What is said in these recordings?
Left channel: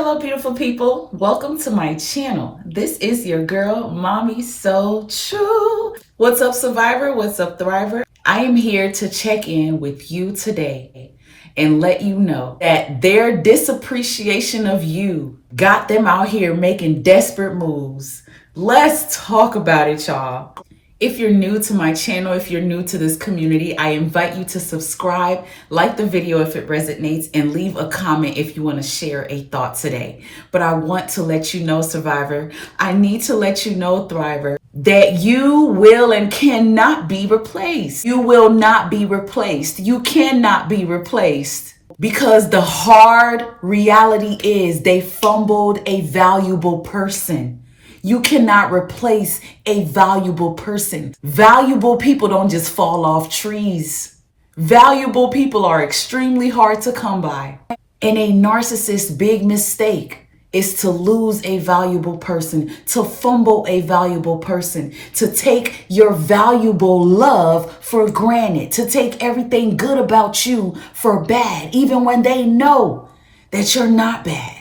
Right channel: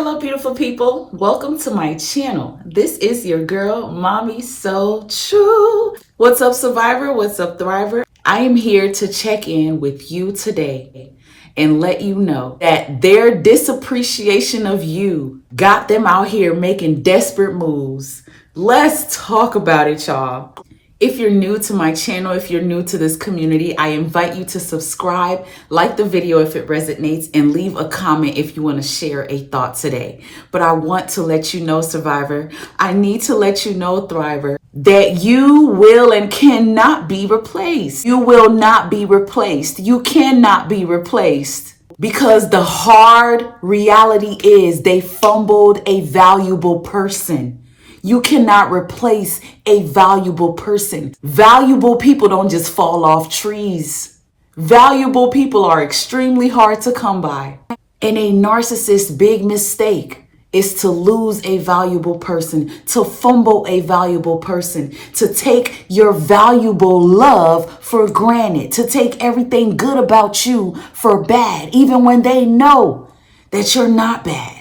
Hello, beautiful people. Welcome to my channel. This is your girl, Mommy So True. What's up, Survivor? What's up, Thriver? I am here to check in with you today and let you know that their disappreciation of you got them out here making desperate moves. Let's talk about it, y'all. If you're new to my channel, if you're new to this community, I invite you to subscribe, like the video if it resonates, and leave a comment if you want to share a thought today. But I want to let you know, Survivor, I need to let you know, Thriver, that you will and cannot be replaced. You will not be replaced. You cannot be replaced. Because the hard reality is they fumbled a valuable person. You cannot replace a valuable person. Valuable people don't just fall off trees. Valuable people are extremely hard to come by. And a narcissist's big mistake is to lose a valuable person, to fumble a valuable person, to take your valuable love for granted, to take everything good about you for bad, even when they know that you're not bad.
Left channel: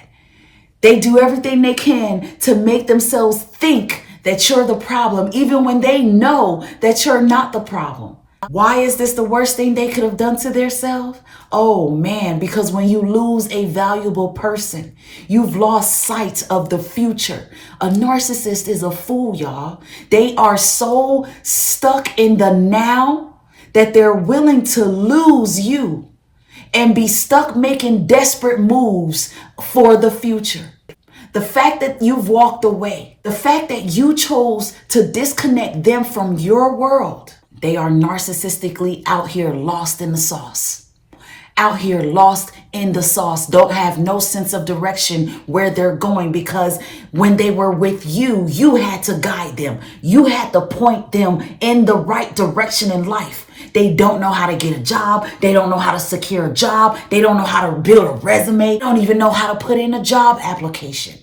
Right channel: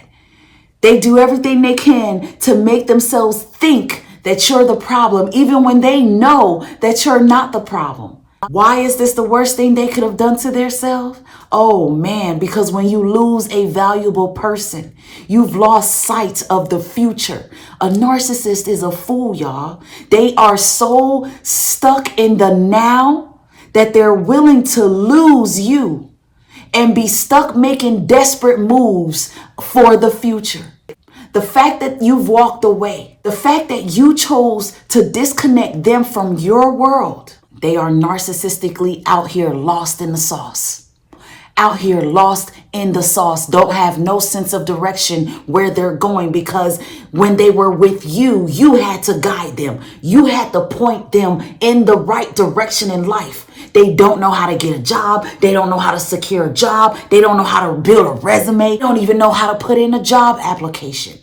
They do everything they can to make themselves think that you're the problem, even when they know that you're not the problem. Why is this the worst thing they could have done to themselves? Oh man, because when you lose a valuable person, you've lost sight of the future. A narcissist is a fool, y'all. They are so stuck in the now that they're willing to lose you and be stuck making desperate moves for the future. The fact that you've walked away, the fact that you chose to disconnect them from your world, they are narcissistically out here lost in the sauce. Out here lost in the sauce, don't have no sense of direction where they're going, because when they were with you, you had to guide them. You had to point them in the right direction in life. They don't know how to get a job. They don't know how to secure a job. They don't know how to build a resume. They don't even know how to put in a job application.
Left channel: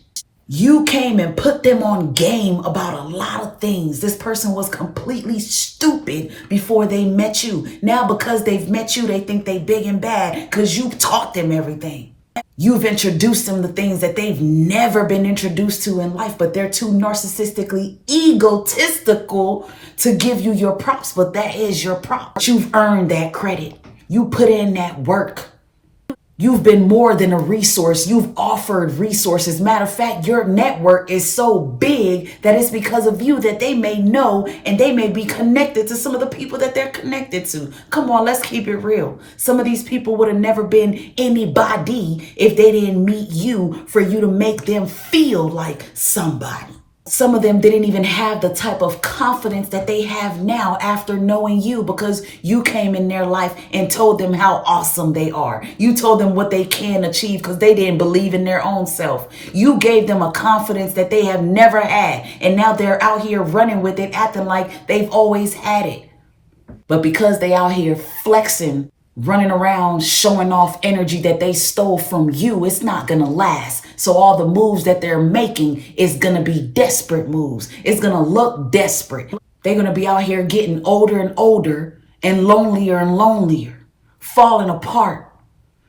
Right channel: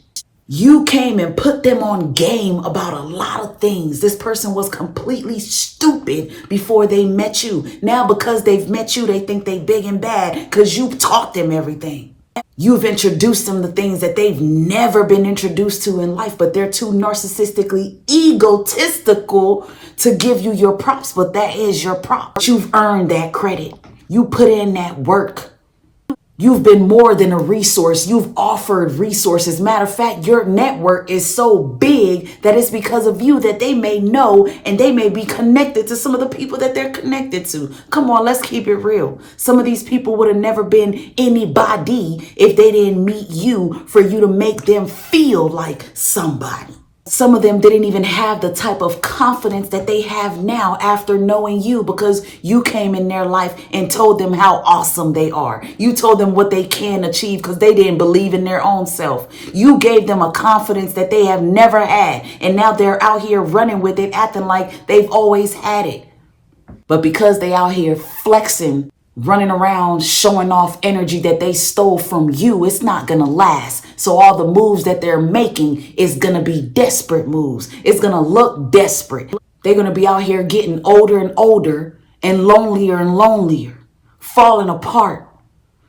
You came and put them on game about a lot of things. This person was completely stupid before they met you. Now, because they've met you, they think they big and bad because you've taught them everything. You've introduced them to things that they've never been introduced to in life, but they're too narcissistically egotistical to give you your props, but that is your prop. You've earned that credit. You put in that work. You've been more than a resource. You've offered resources. Matter of fact, your network is so big that it's because of you that they may know and they may be connected to some of the people that they're connected to. Come on, let's keep it real. Some of these people would have never been anybody if they didn't meet you for you to make them feel like somebody. Some of them didn't even have the type of confidence that they have now after knowing you, because you came in their life and told them how awesome they are. You told them what they can achieve because they didn't believe in their own self. You gave them a confidence that they have never had. And now they're out here running with it, acting like they've always had it. But because they out here flexing, running around, showing off energy that they stole from you, it's not going to last. So all the moves that they're making is going to be desperate moves. It's going to look desperate. They're going to be out here getting older and older and lonelier, falling apart.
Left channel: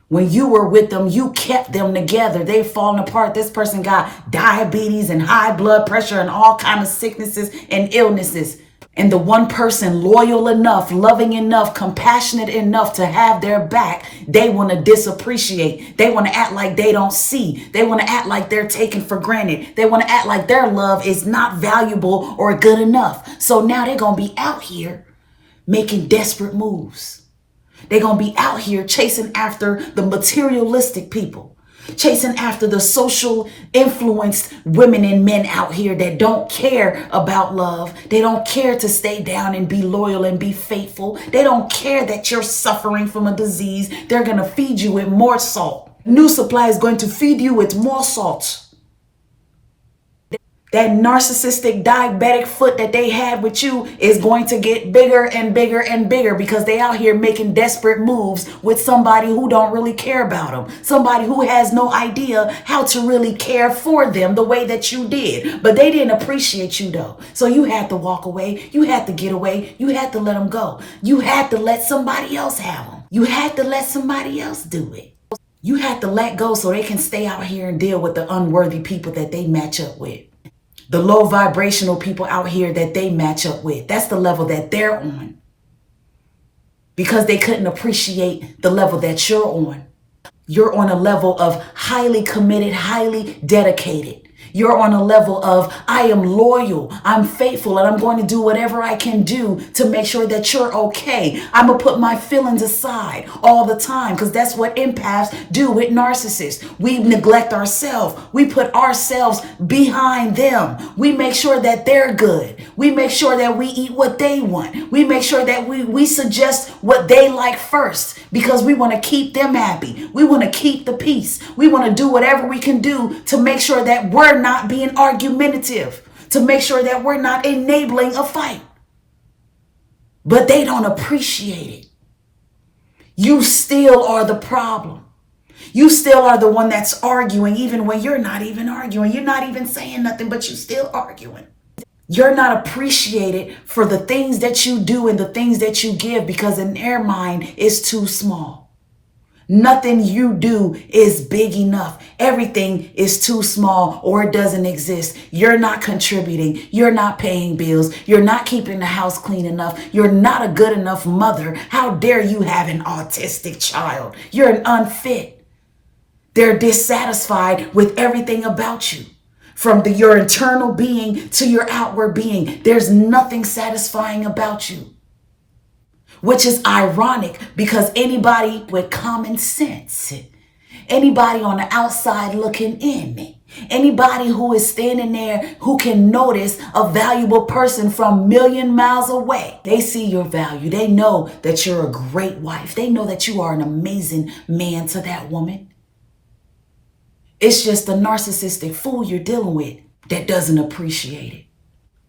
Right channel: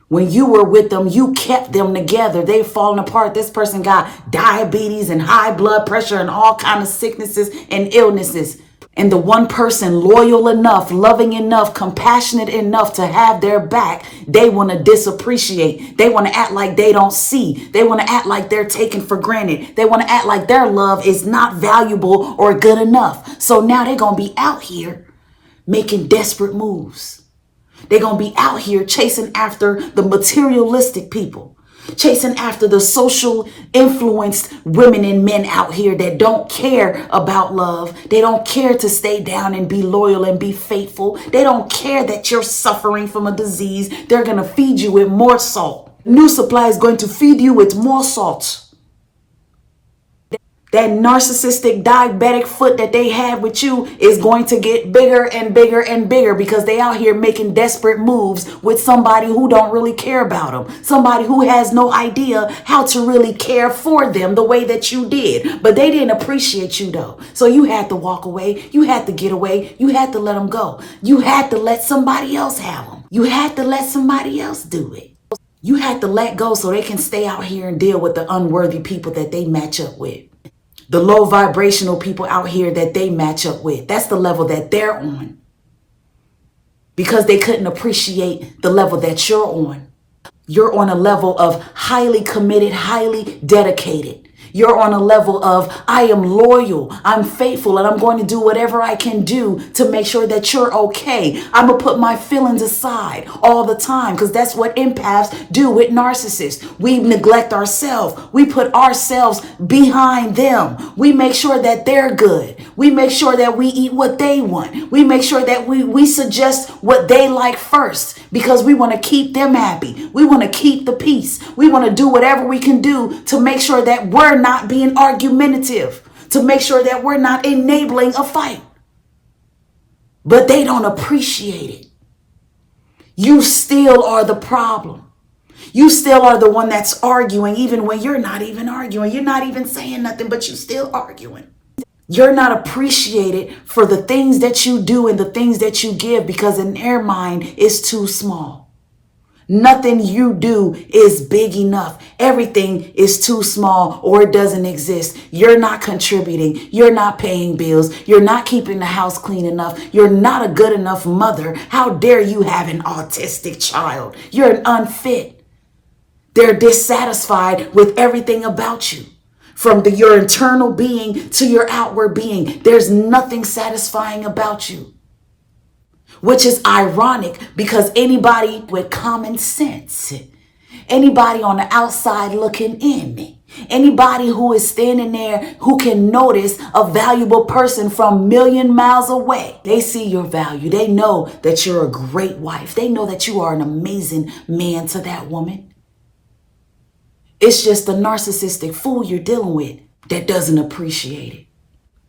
When you were with them, you kept them together. They've fallen apart. This person got diabetes and high blood pressure and all kinds of sicknesses and illnesses. And the one person loyal enough, loving enough, compassionate enough to have their back, they want to disappreciate. They want to act like they don't see. They want to act like they're taken for granted. They want to act like their love is not valuable or good enough. So now they're going to be out here making desperate moves. They're going to be out here chasing after the materialistic people. Chasing after the social influenced women and men out here that don't care about love. They don't care to stay down and be loyal and be faithful. They don't care that you're suffering from a disease. They're going to feed you with more salt. New Supply is going to feed you with more salt. That narcissistic diabetic foot that they had with you is going to get bigger and bigger and bigger, because they out here making desperate moves with somebody who don't really care about them. Somebody who has no idea how to really care for them the way that you did. But they didn't appreciate you though. So you had to walk away. You had to get away. You had to let them go. You had to let somebody else have them. You had to let somebody else do it. You had to let go so they can stay out here and deal with the unworthy people that they match up with. The low vibrational people out here that they match up with. That's the level that they're on. Because they couldn't appreciate the level that you're on. You're on a level of highly committed, highly dedicated. You're on a level of, I am loyal, I'm faithful, and I'm going to do whatever I can do to make sure that you're okay. I'm going to put my feelings aside all the time, because that's what empaths do with narcissists. We neglect ourselves. We put ourselves behind them. We make sure that they're good. We make sure that we eat what they want. We make sure that we suggest what they like first, because we want to keep them happy. We want to keep the peace. We want to do whatever we can do to make sure that we're not being argumentative, to make sure that we're not enabling a fight. But they don't appreciate it. You still are the problem. You still are the one that's arguing, even when you're not even arguing. You're not even saying nothing, but you're still arguing. You're not appreciated for the things that you do and the things that you give, because in their mind it's too small. Nothing you do is big enough. Everything is too small, or it doesn't exist. You're not contributing. You're not paying bills. You're not keeping the house clean enough. You're not a good enough mother. How dare you have an autistic child? You're an unfit. They're dissatisfied with everything about you. From your internal being to your outward being, there's nothing satisfying about you. Which is ironic, because anybody with common sense, anybody on the outside looking in, anybody who is standing there who can notice a valuable person from a million miles away, they see your value. They know that you're a great wife. They know that you are an amazing man to that woman. It's just the narcissistic fool you're dealing with that doesn't appreciate it.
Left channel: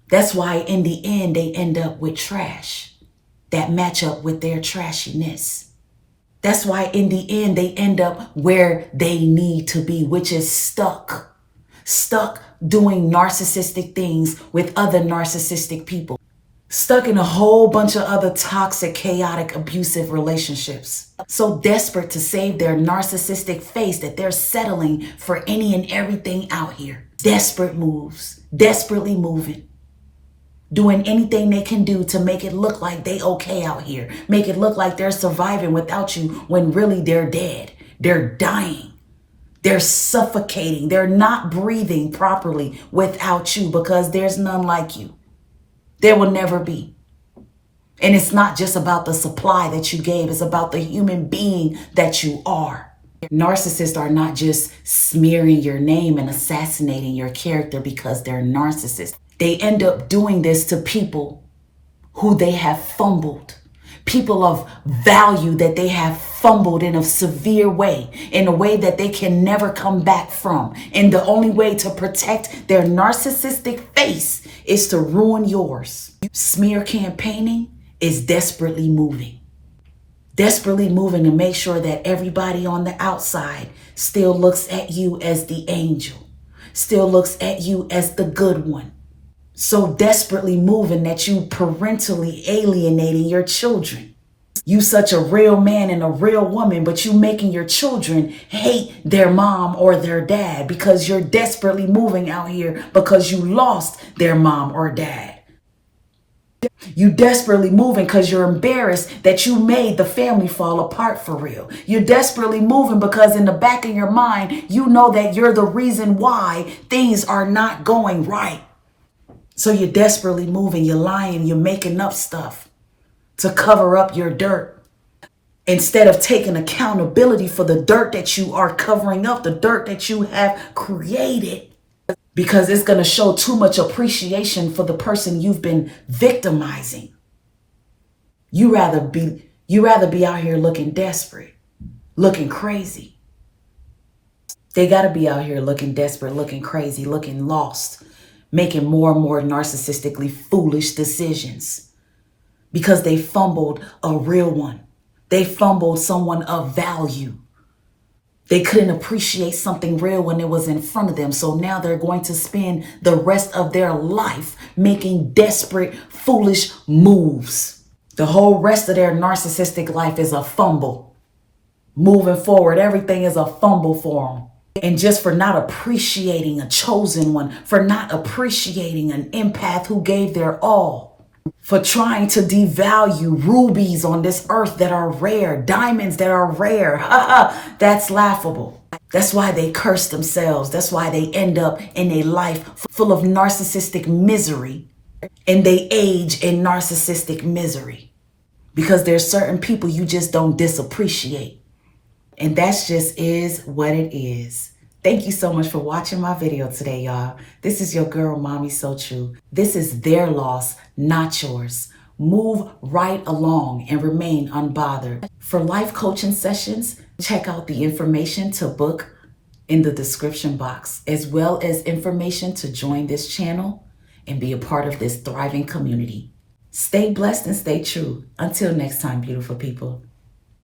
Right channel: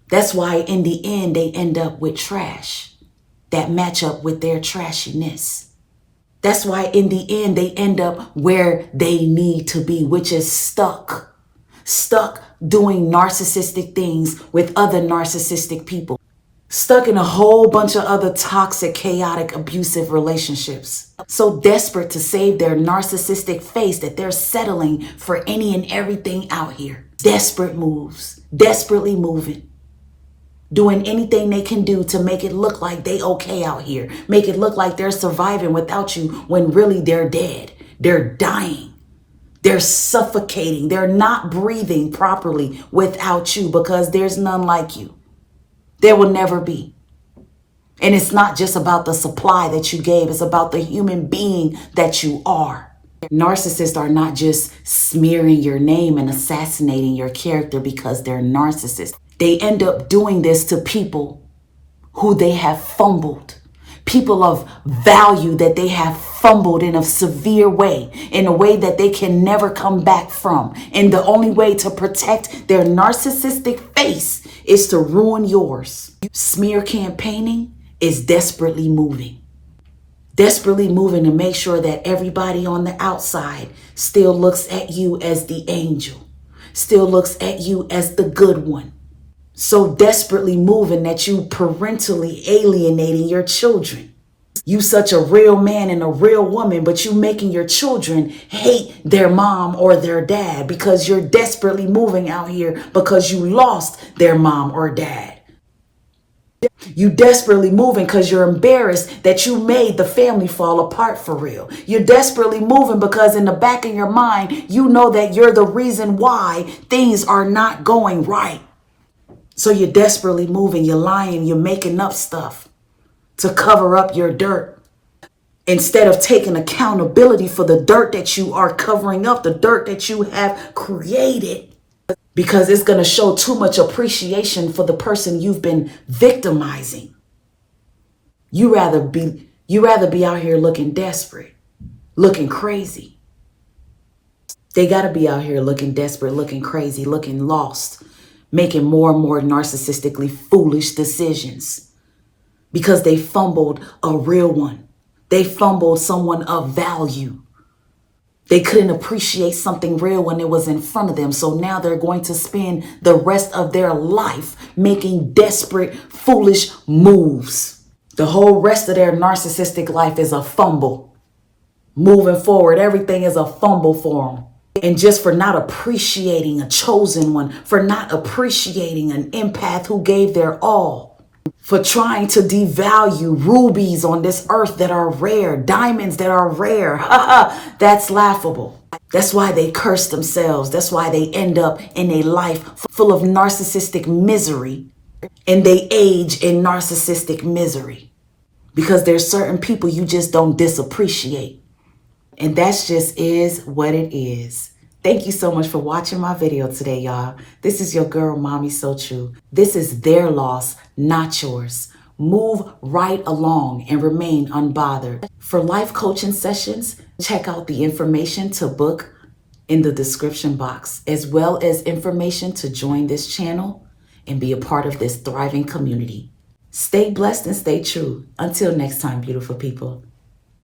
That's why in the end, they end up with trash that match up with their trashiness. That's why in the end, they end up where they need to be, which is stuck doing narcissistic things with other narcissistic people, stuck in a whole bunch of other toxic, chaotic, abusive relationships. So desperate to save their narcissistic face that they're settling for any and everything out here. Desperate moves, desperately moving. Doing anything they can do to make it look like they okay out here. Make it look like they're surviving without you, when really they're dead. They're dying. They're suffocating. They're not breathing properly without you, because there's none like you. There will never be. And it's not just about the supply that you gave. It's about the human being that you are. Narcissists are not just smearing your name and assassinating your character because they're narcissists. They end up doing this to people who they have fumbled, people of value that they have fumbled in a severe way, in a way that they can never come back from. And the only way to protect their narcissistic face is to ruin yours. Smear campaigning is desperately moving to make sure that everybody on the outside still looks at you as the angel, still looks at you as the good one. So desperately moving that you parentally alienating your children. You such a real man and a real woman, but you making your children hate their mom or their dad, because you're desperately moving out here because you lost their mom or dad. You desperately moving because you're embarrassed that you made the family fall apart for real. You're desperately moving because in the back of your mind, you know that you're the reason why things are not going right. So you're desperately moving, you're lying, you're making up stuff to cover up your dirt, instead of taking accountability for the dirt that you are covering up, the dirt that you have created, because it's going to show too much appreciation for the person you've been victimizing. You rather be out here looking desperate, looking crazy. They got to be out here looking desperate, looking crazy, looking lost, making more and more narcissistically foolish decisions, because they fumbled a real one. They fumbled someone of value. They couldn't appreciate something real when it was in front of them. So now they're going to spend the rest of their life making desperate, foolish moves. The whole rest of their narcissistic life is a fumble. Moving forward, everything is a fumble for them. And just for not appreciating a chosen one, for not appreciating an empath who gave their all, for trying to devalue rubies on this earth that are rare, diamonds that are rare. That's laughable. That's why they curse themselves. That's why they end up in a life full of narcissistic misery, and they age in narcissistic misery. Because there's certain people you just don't disappreciate. And that's just is what it is. Thank you so much for watching my video today, y'all. This is your girl, Mommy So True. This is their loss, not yours. Move right along and remain unbothered. For life coaching sessions, check out the information to book in the description box, as well as information to join this channel and be a part of this thriving community. Stay blessed and stay true. Until next time, beautiful people.